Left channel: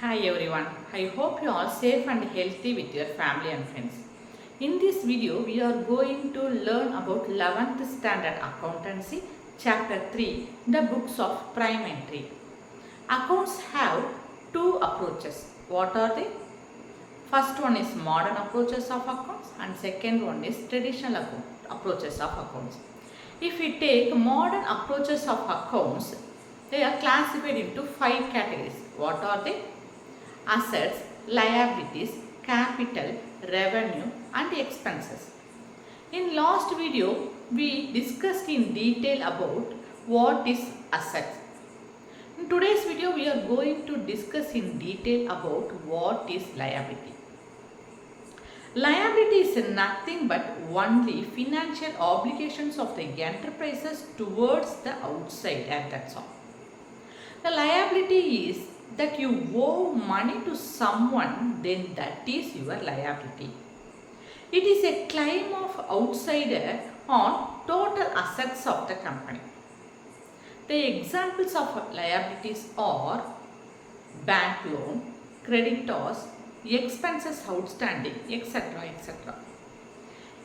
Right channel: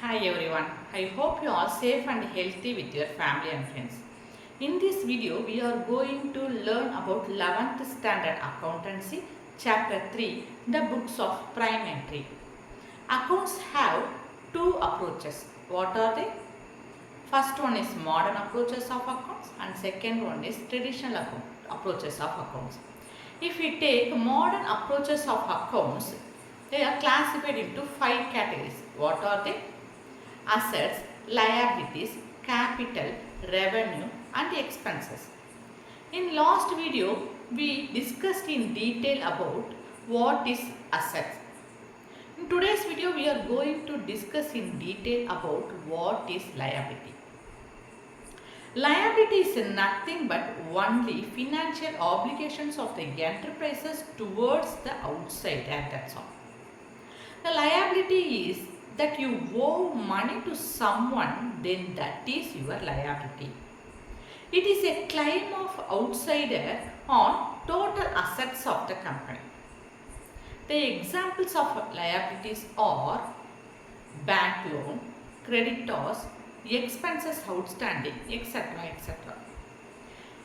Hi everyone, I hope you are safe and healthy with your family and friends. In this video, we are going to learn about 11th Standard Accountancy, Chapter 3, the books of prime entry. Accounts have two approaches. What are they? First one is modern approaches of accounts and second one is traditional approaches of accounts. If we take modern approaches of accounts, they are classified into 5 categories. What are they? Assets, liabilities, capital, revenue and expenses. In last video, we discussed in detail about what is assets. In today's video, we are going to discuss in detail about what is liability. Liability is nothing but only financial obligations of the enterprises towards the outside, and that's all. The liability is that you owe money to someone, then that is your liability. It is a claim of outsider on total assets of the company. The examples of liabilities are bank loan, creditors, expenses outstanding, etc. etc.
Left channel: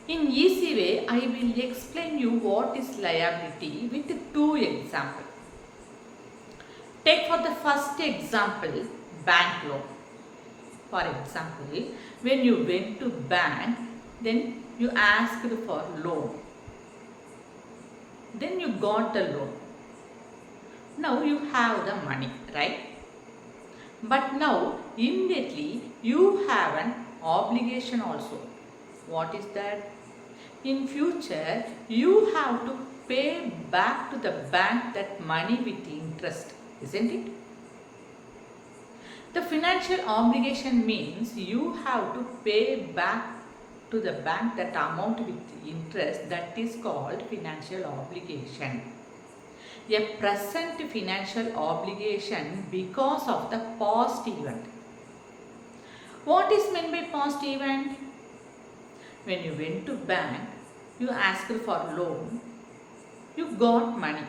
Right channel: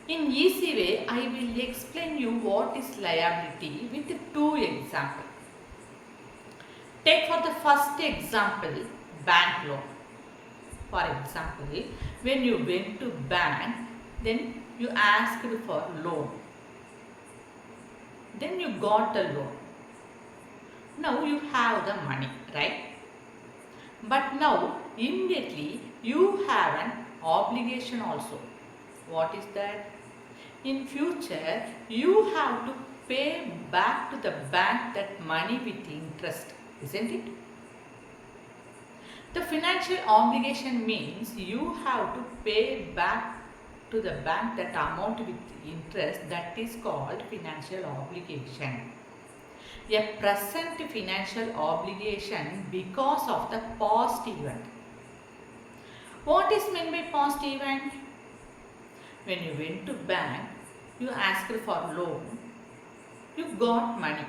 In easy way, I will explain you what is liability with 2 examples. Take for the first example, bank loan. For example, when you went to bank, then you asked for loan. Then you got the loan. Now you have the money, right? But now immediately you have an obligation also. What is that? In future, you have to pay back to the bank that money with interest. Isn't it? The financial obligation means you have to pay back to the bank that amount with interest, that is called financial obligation. A present financial obligation because of the past event. What is meant by past event? When you went to bank, you asked for loan, you got money.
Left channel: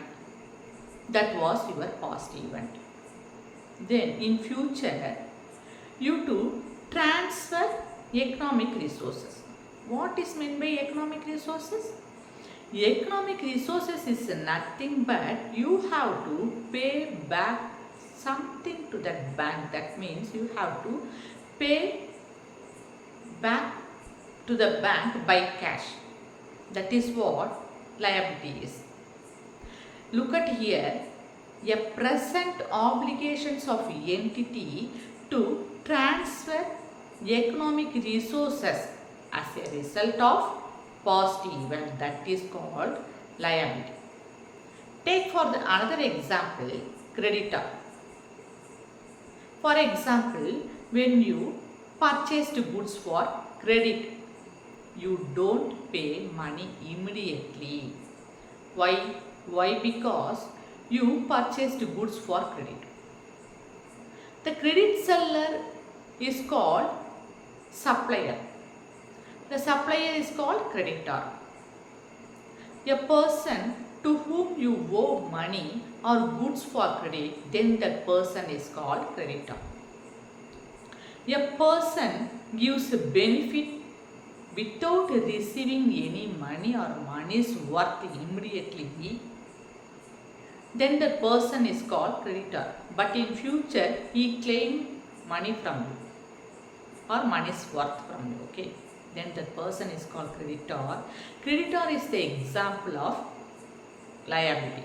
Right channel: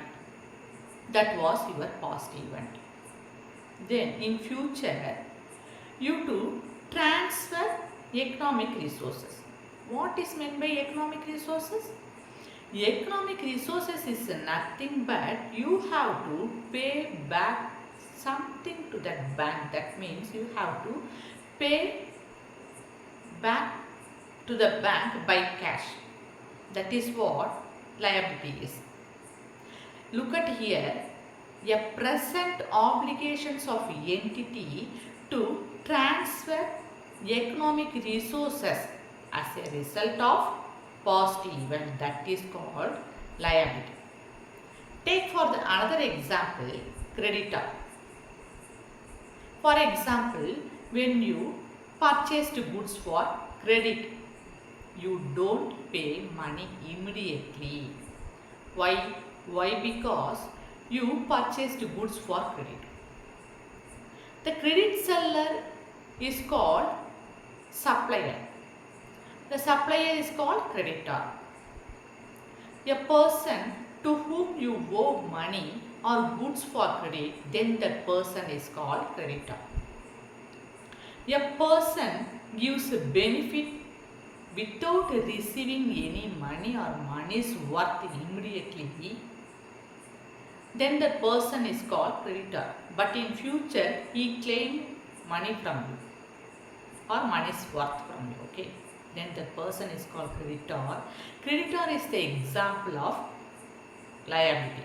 That was your past event. Then in future, you to transfer economic resources. What is meant by economic resources? Economic resources is nothing but you have to pay back something to that bank. That means you have to pay back to the bank by cash. That is what liability is. Look at here, a present obligations of entity to transfer economic resources as a result of past event, that is called liability. Take for the another example, creditor. For example, when you purchased goods for credit, you don't pay money immediately. Why? Because you purchased goods for credit. The credit seller is called supplier. The supplier is called creditor. A person to whom you owe money or goods for credit, then that person is called creditor. A person gives a benefit without receiving any money or money's worth immediately, then the person is called creditor. But in future, he claim money from you or money's worth from you. Okay, then that person is called creditor. Creditor is the example of liability.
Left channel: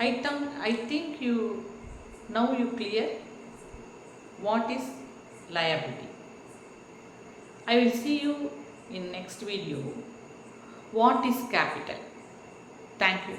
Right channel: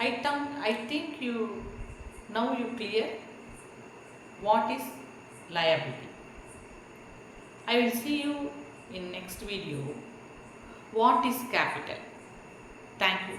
I think you now you clear what is liability. I will see you in next video. What is capital? Thank you.